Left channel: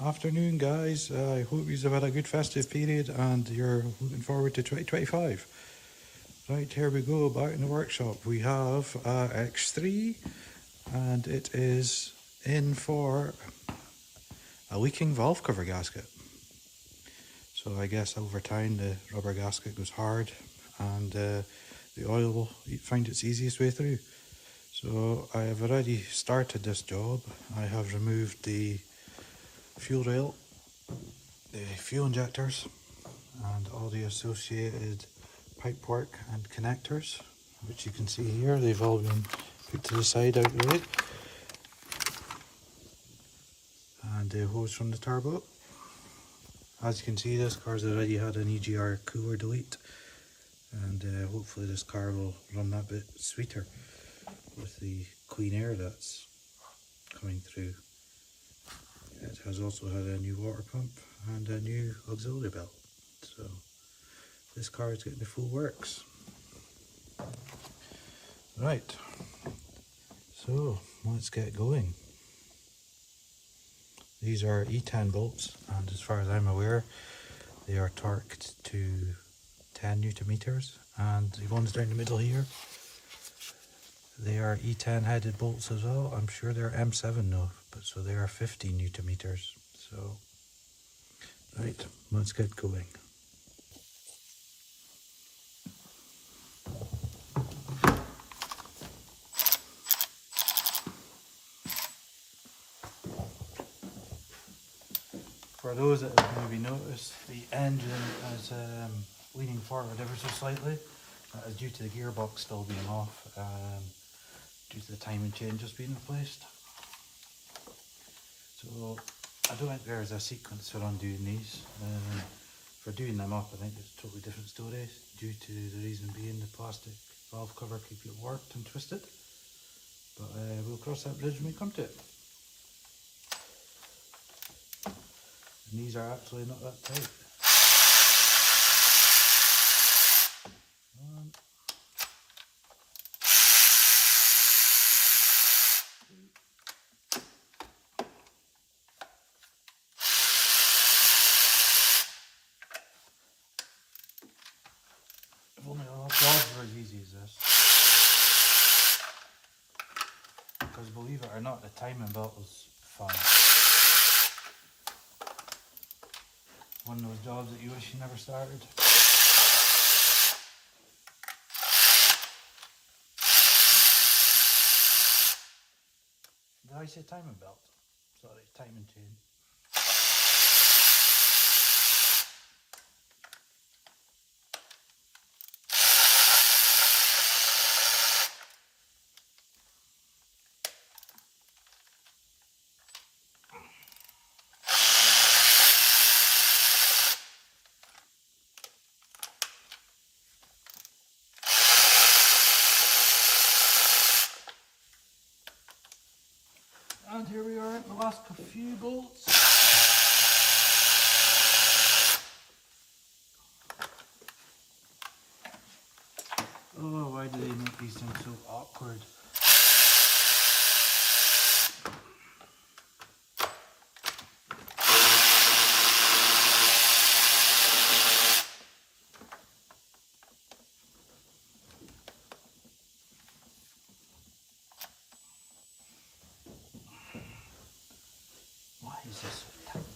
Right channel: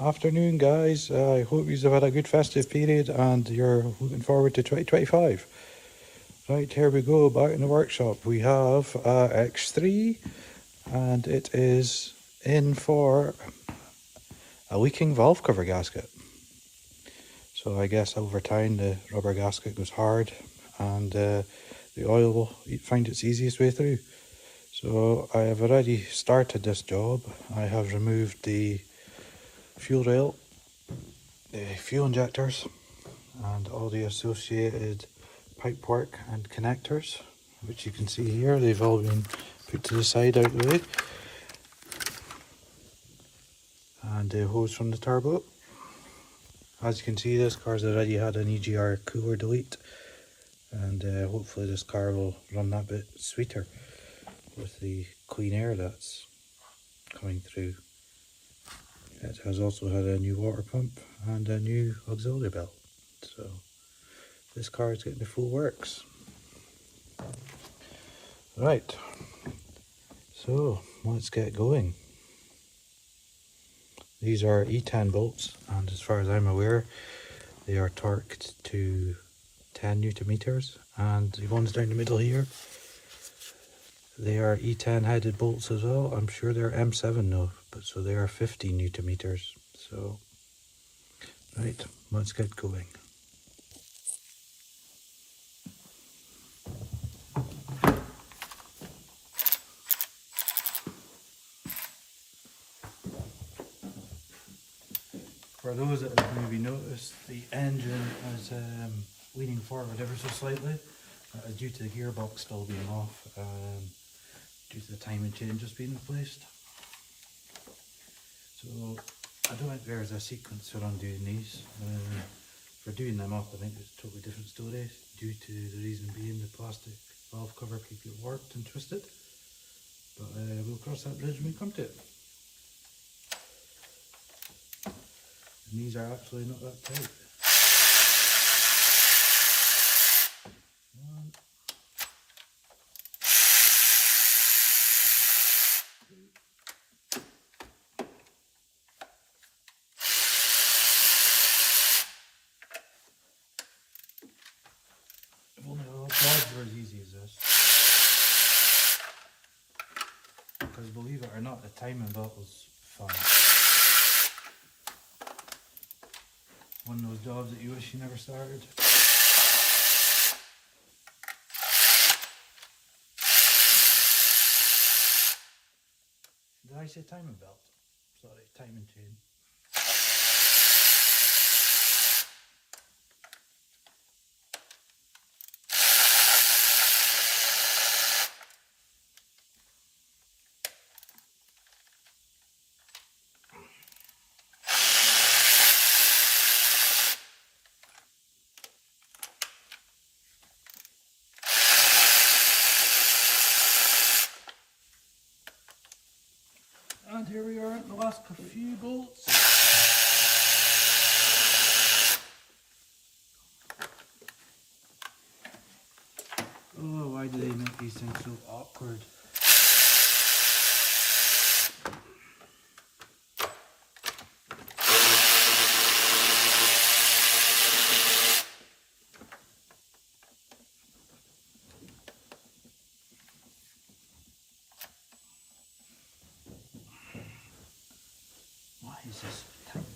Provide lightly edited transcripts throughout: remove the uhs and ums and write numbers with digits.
Afternoon, guys. I hope you've had a good festive period and you're looking forward to 2025. Right, here we go, back in the workshop. We have X3 and it is in for a leaking valve cover gasket. So I guess over time the rubber gasket goes hard and the oil will find its easiest way through. So I have already started this job. I have removed the fuel rail, the fuel injectors, and all the associated pipework and connectors, which you can see here. They've all been put to the side out of the way, and the hose from the turbo. As you can see, this car's already had an EGR cooler delete, and hopefully this car will run that bit sweeter with the clean air that's coming through. It has also had a new water pump and a new auxiliary belt, so this car is getting the full works. Right, so let's get going. These are E10 bolts, and as far as I'm aware, they are torqued to 10 Newton meters, and the ones down the middle here, they are E10 headed bolts as well. I'm sure they're M7 though, but so they are 15 Newton meters. So, right, let's get going. For those that have maybe noticed, the engine is leaning forward ever so slightly. That is due to the gearbox still being off, due to the timing changes being replaced. So I don't think there's a sequence for undoing these. For doing them up, I think it's a totally different story, due to the reason being the plastic valve cover could get warped and twisted. But we'll cross that bridge when we come to it. And these are actually not that tight. One, two. If only all jobs were as easy as this. Because believe it or not, the timing belt was fun. One of those jobs that you wish you never started. Did I say timing belt? Sorry, timing chain. And here we are at the last few bolts. Oh, why do they make these things so awkward? Why is this so tight?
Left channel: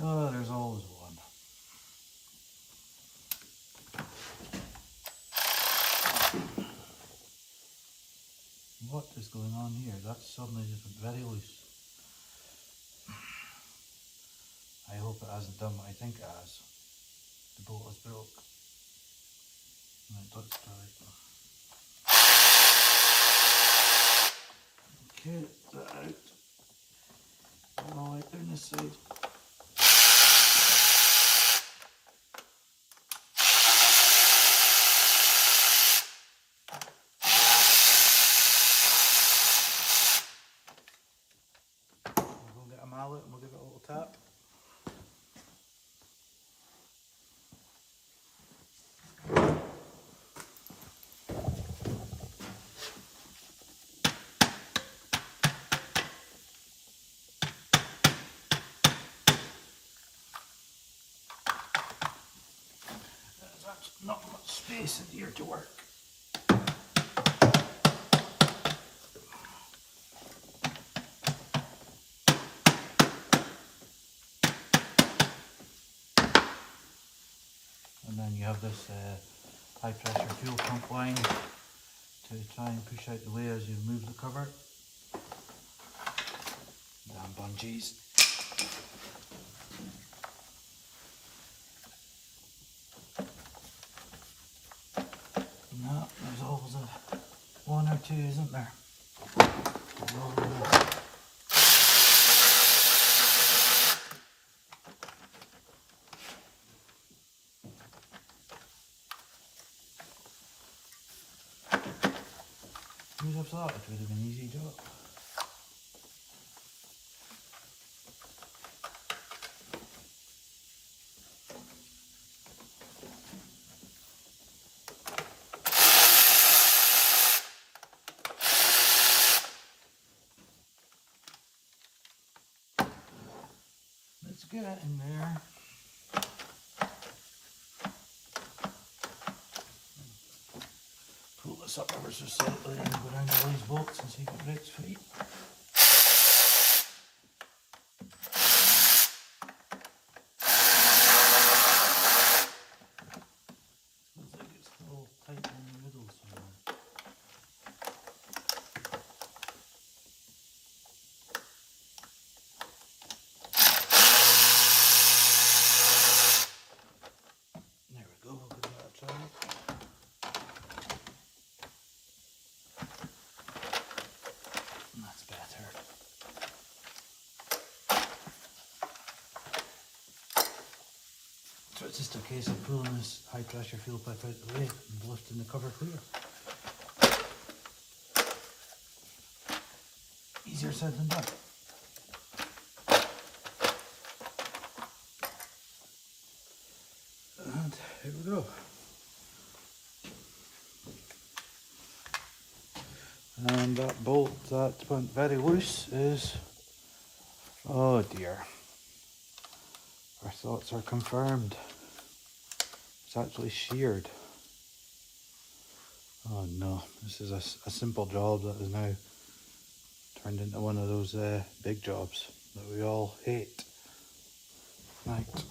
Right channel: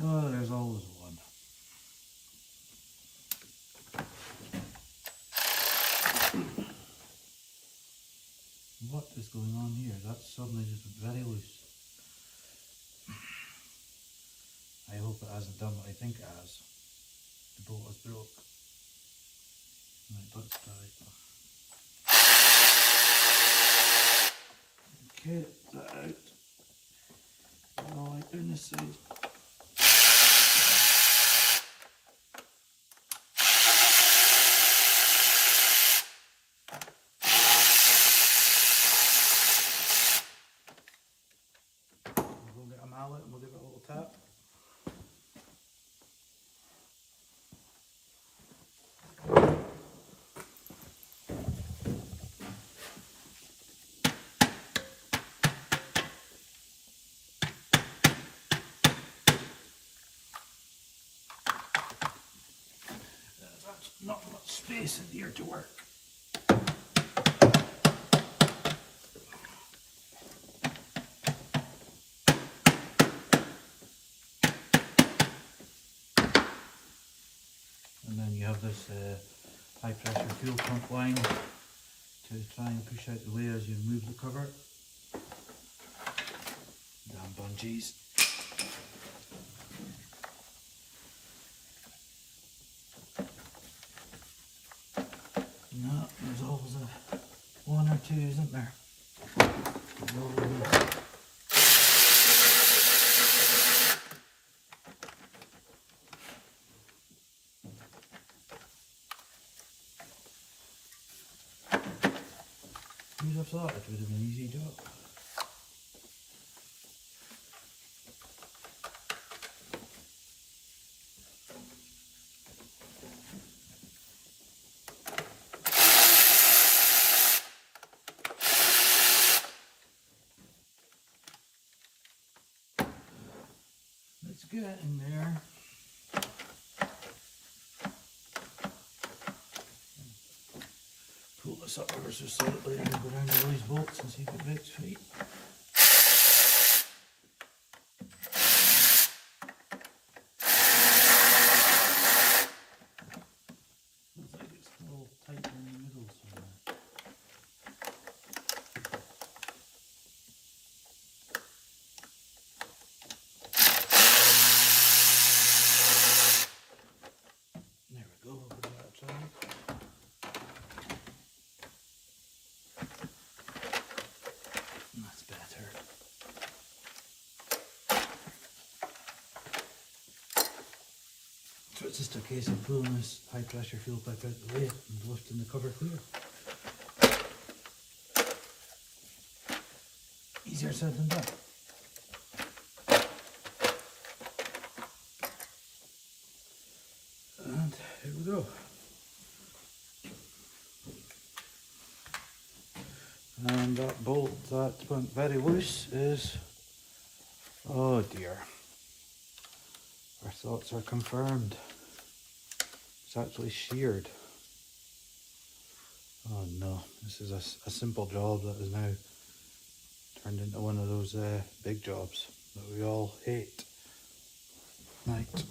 Oh, there's always one. What is going on here? That's suddenly just very loose. I hope it hasn't done what I think it has. The bolt has broke. Right, let's try it. Okay, that out. Oh, I turn this side. We'll get a mallet and we'll give it a little tap. space in here to work. And then you have this high pressure fuel pump line to try and push out the way as you move the cover. Damn bungees. No, there's always one or two, isn't there? You'd have thought it would have been an easy job. Let's get it in there. Pull this up ever so slightly and go down to those bolts and see if it breaks free. Looks like it's still tight in the middle somewhere. There we go, give that a try. That's better. So it's just a case of pulling this high pressure fuel pipe out of the way and lifting the cover clear. Easier said than done. And here we go. And that bolt that went very loose is, oh dear, our thoughts are confirmed. It's actually sheared. Oh no, this is a simple job that is now turned into one of those big jobs that we all hate. Right.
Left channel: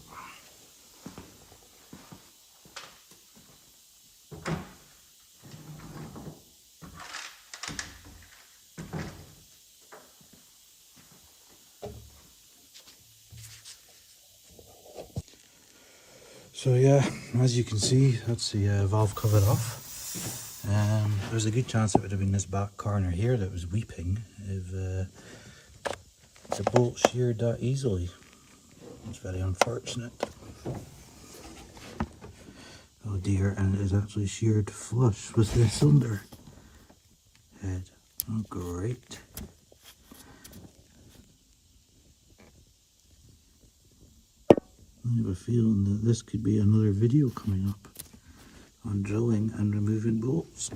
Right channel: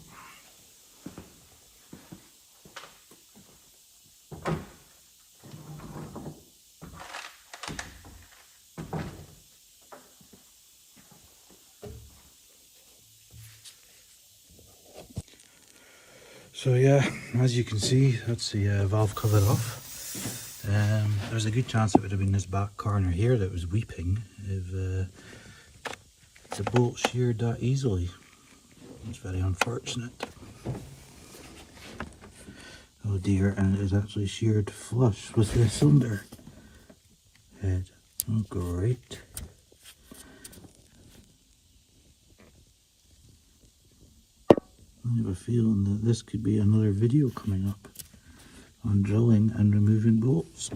So yeah, as you can see, that's the valve covered off. There's a good chance it would have been this back corner here that was weeping if the bolt sheared that easily. It's very unfortunate. Oh dear, and it is actually sheared flush with the cylinder head. Oh great. I have a feeling that this could be another video coming up on drilling and removing bolts.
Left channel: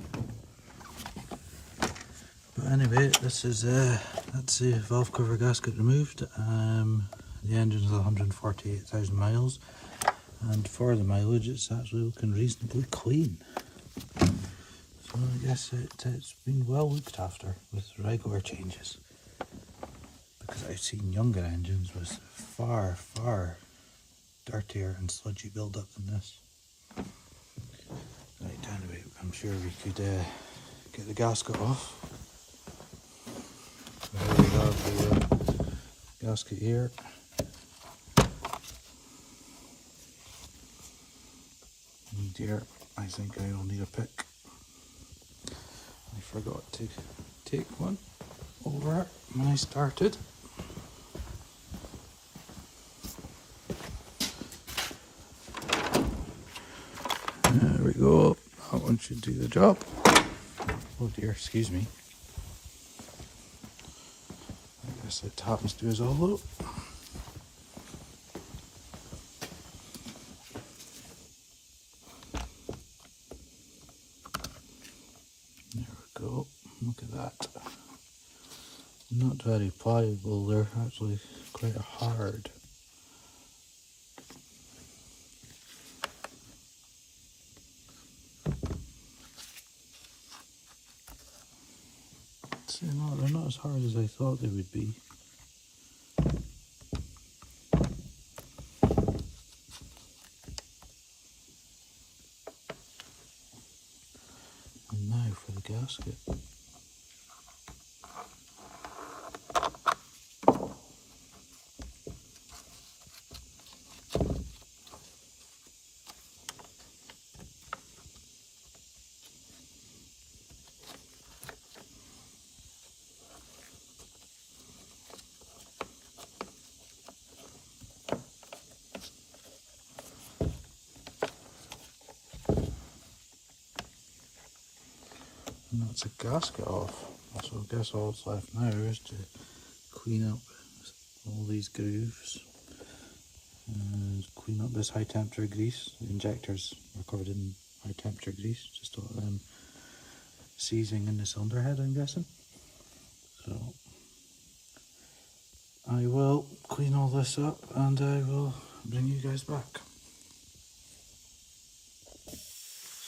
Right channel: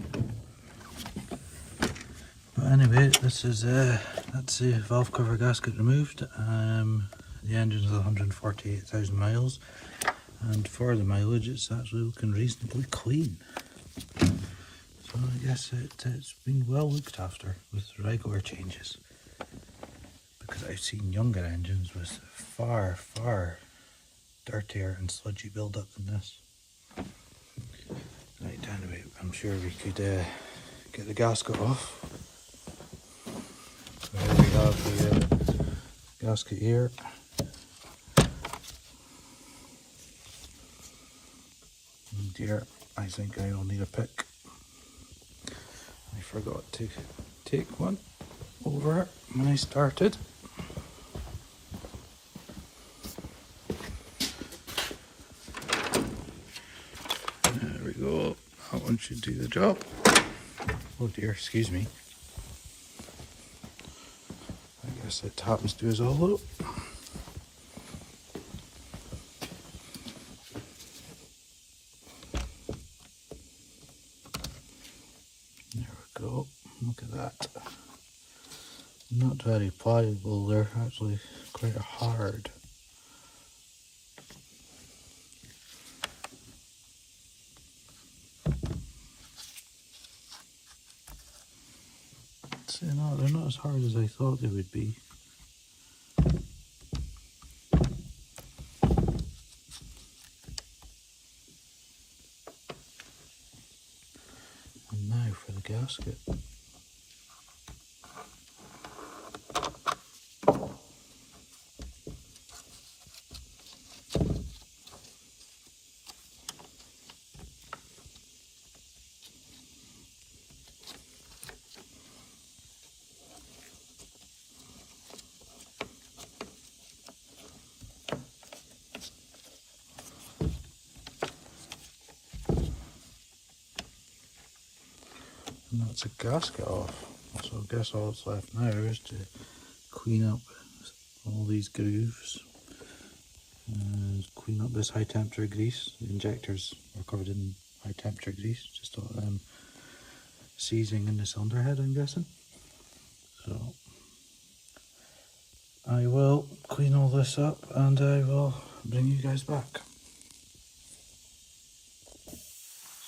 But anyway, this is that's the valve cover gasket removed. The engine is 148,000 miles, and for the mileage it's actually looking reasonably clean. So I guess it's been well looked after with regular changes, because I've seen younger engines with far dirtier and sludgy build-up than this. Right, anyway, I'm sure we could get the gasket off. So here we have the gasket here. Oh dear, I think I'll need a pick. I forgot to take one over when I started. There we go, that one should do the job. Oh dear, excuse me. I guess it happens to us all though. There we go, look at that. Not very pliable, they're actually quite hard. not as hard as I thought they would be. And now for the gasket. And that's a gasket off. So I guess all that's left now is to clean up all these grooves and clean up this high temperature grease. The injectors are covered in high temperature grease, just all them seizing in the cylinder head, I'm guessing. So I will clean all this up and I will bring you guys back.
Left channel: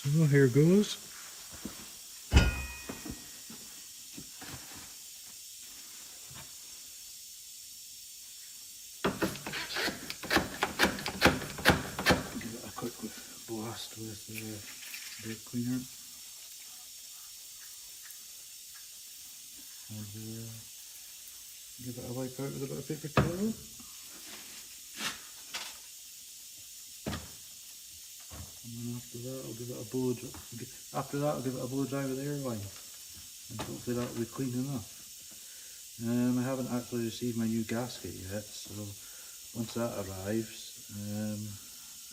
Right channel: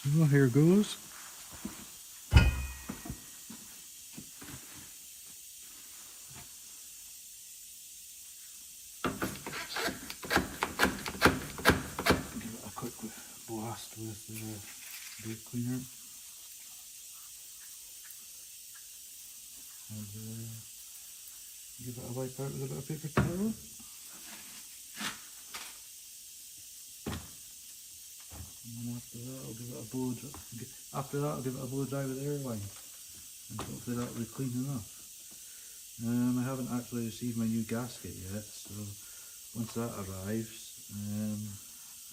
So here goes. Blast with the brake cleaner and give it a wipe out with a bit of paper towel. And then after that I'll give it a blow dry. After that I'll give it a blow dry with air line, and hopefully that will be clean enough. I haven't actually received my new gasket yet, so once that arrives,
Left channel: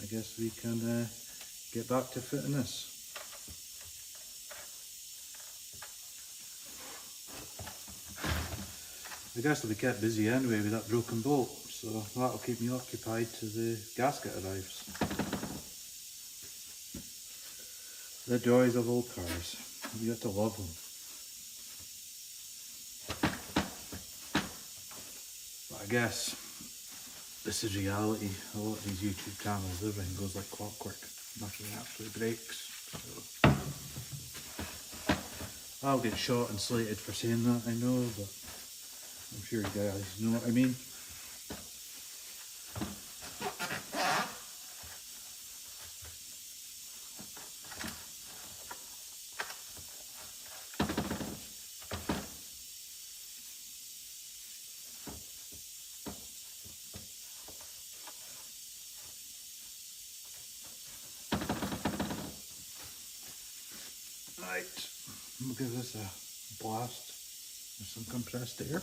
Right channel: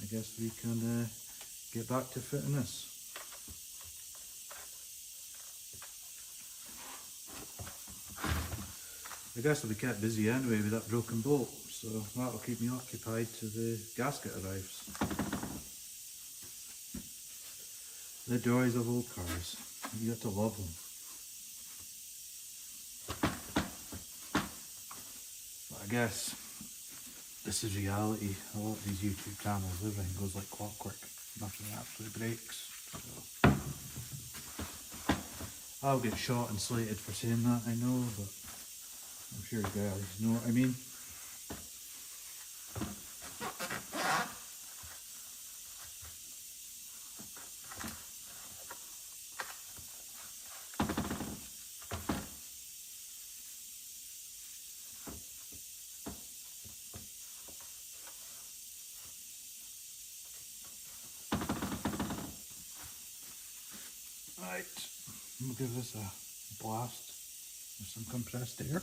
I guess we can get back to fitting this. I guess I'll be kept busy anyway with that broken bolt, so that'll keep me occupied till the gasket arrives. The joys of old cars, you got to love them. But I guess this is reality. A lot of these YouTube channels, everything goes like clockwork. Nothing actually breaks. So I'll get shot and slated for saying that, I know, but I'm sure you guys know what I mean. Right, we'll give this a blast with some compressed air.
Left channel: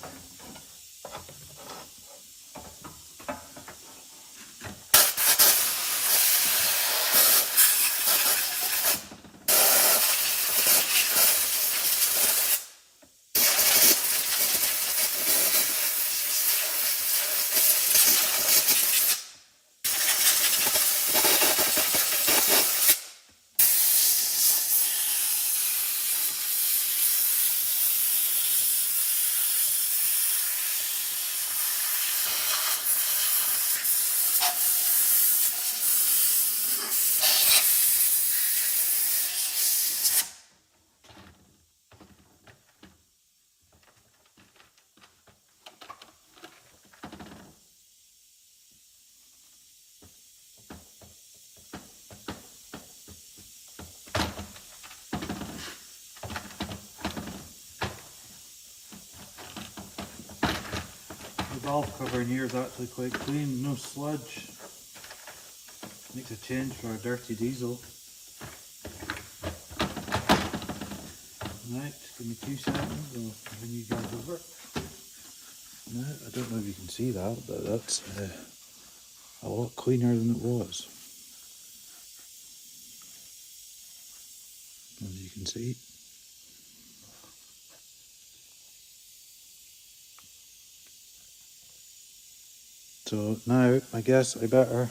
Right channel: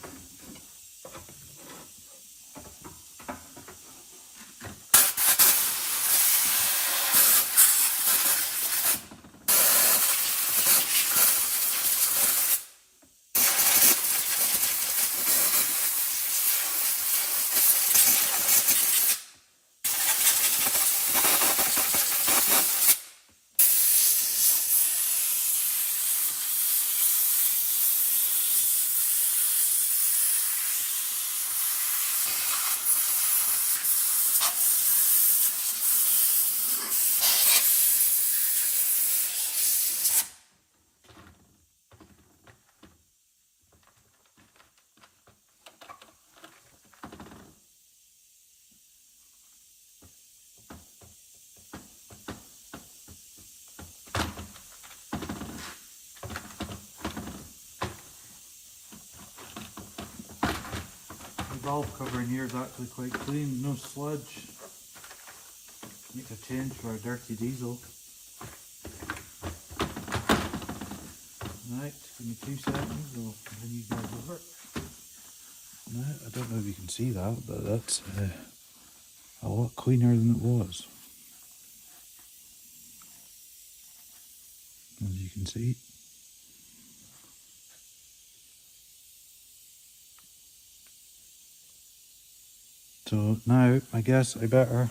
The valve cover in here is actually quite clean, no sludge. Makes a change for a dirty diesel. Right, give me 2 seconds, I'll bring you guys over. No, I don't know if you can see that, but that's a lot cleaner than it was. As you can see. So now I guess I better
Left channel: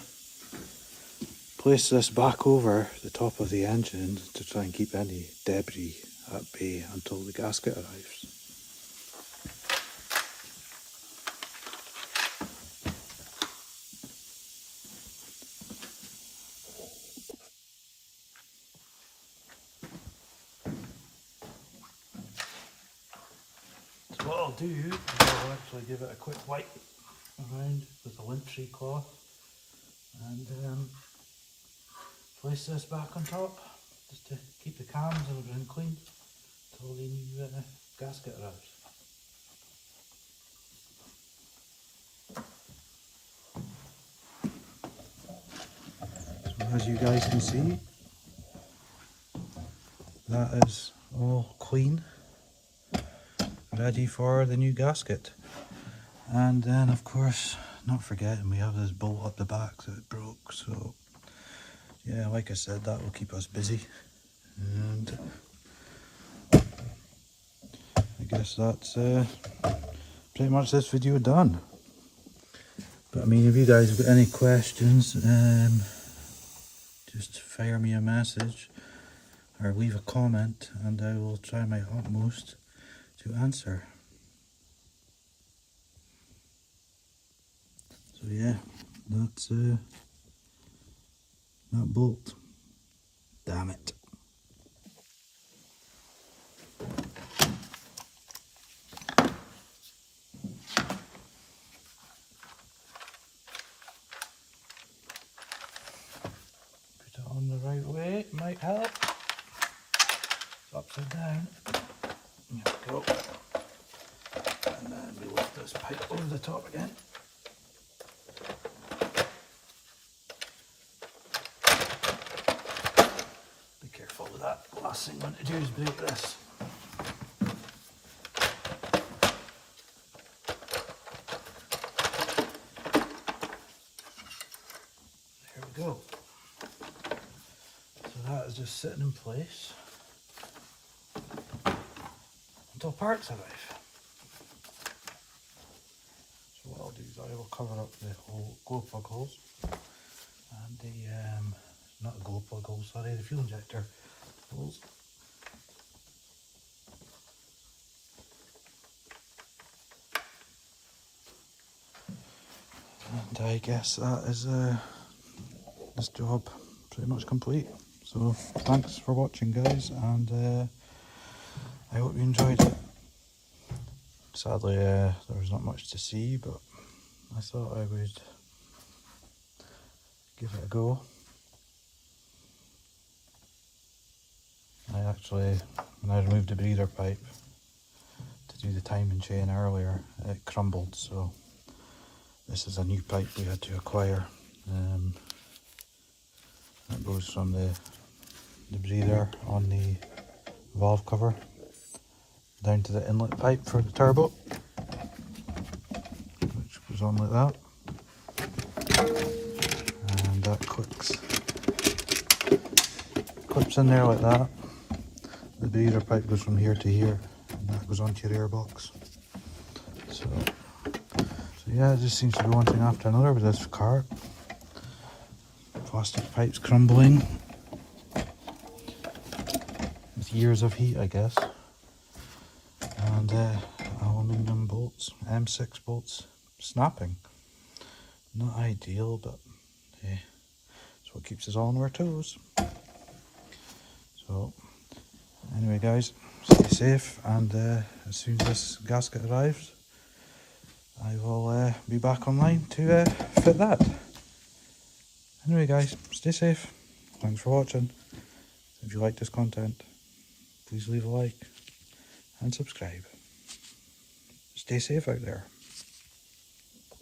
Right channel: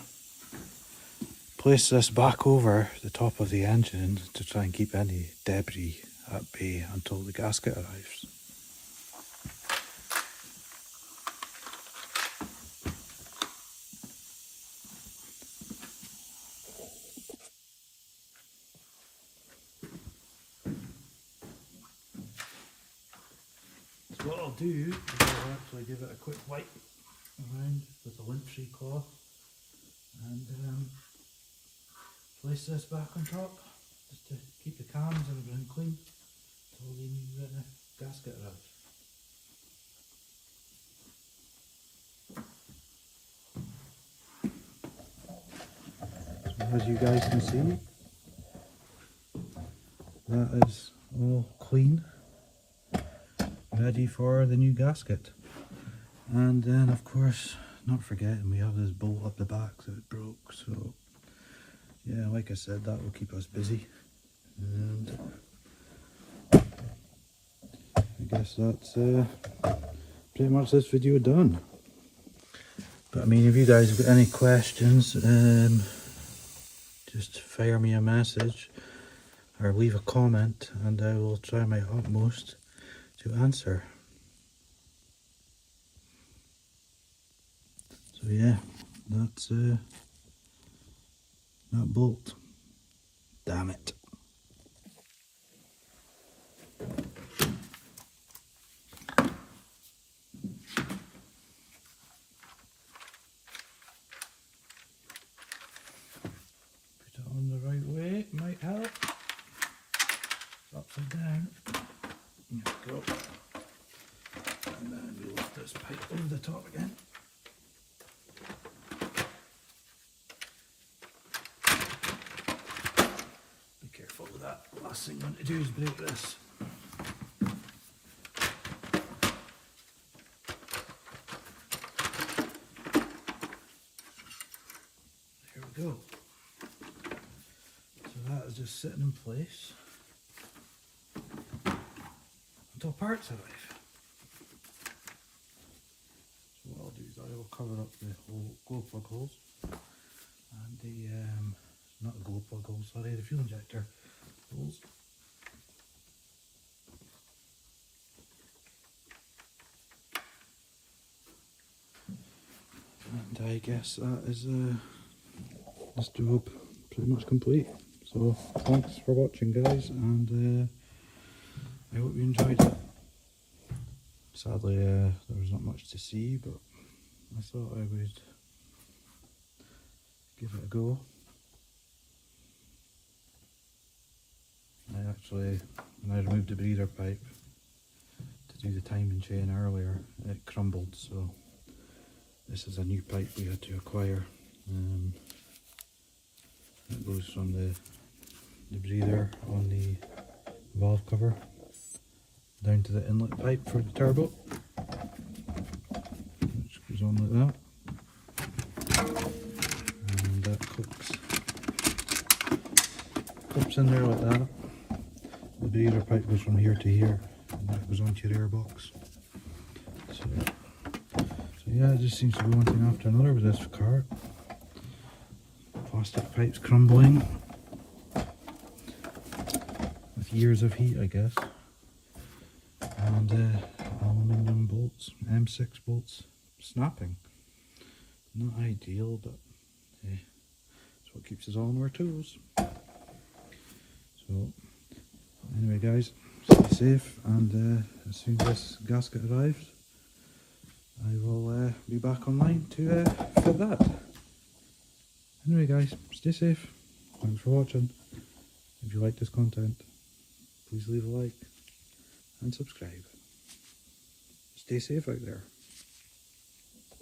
place this back over the top of the engine to try and keep any debris at bay until the gasket arrives. So what do is I'll actually give it a quick wipe around with a lint-free cloth and place this back on top just to keep the cams and everything clean until the new gasket arrives. So as you guys can see, that is all clean, ready for the new gasket. And then of course, not forgetting, we have this bolt up the back that it broke, so yeah, like I said, that will keep us busy. And I guess that's pretty much this video done. But I mean, if you guys have got any questions, just fire me a message or leave a comment and I will try my utmost to answer. So yeah, that's that bolt. Damn it. Put it on the right way, it might help. It's upside down. There we go. And then we lift this pipe over the top again. Be careful with that. Last thing you want to do is break this. There we go. So that is just sitting in place until parts arrive. So what I'll do is I will cover up the whole glow plug holes and the not the glow plug holes, sorry, the fuel injector holes. And I guess that is this job pretty much complete. So thanks for watching, guys, and I hope you enjoyed it. Sadly, there was not much to see, but I thought I would give it a go. I actually, when I removed the breather pipe to do the timing chain earlier, it crumbled, so this is a new pipe we had to acquire. That goes from the breather on the valve cover down to the inlet pipe for the turbo, which goes on like that, and that clips in there like that. The breather pipe goes from here to here, and that goes onto your airbox. So yeah, it just seems to be one thing after another with this car. Plastic pipes crumbling with years of heat, I guess, and aluminium bolts, M6 bolts, snapping. Not ideal, but hey, it's what keeps us all on our toes. So anyway, guys, stay safe, and as soon as this gasket arrives, I will be back online to fit that. Anyway, guys, stay safe. Thanks for watching. If you like this content, please leave a like and subscribe. Stay safe out there.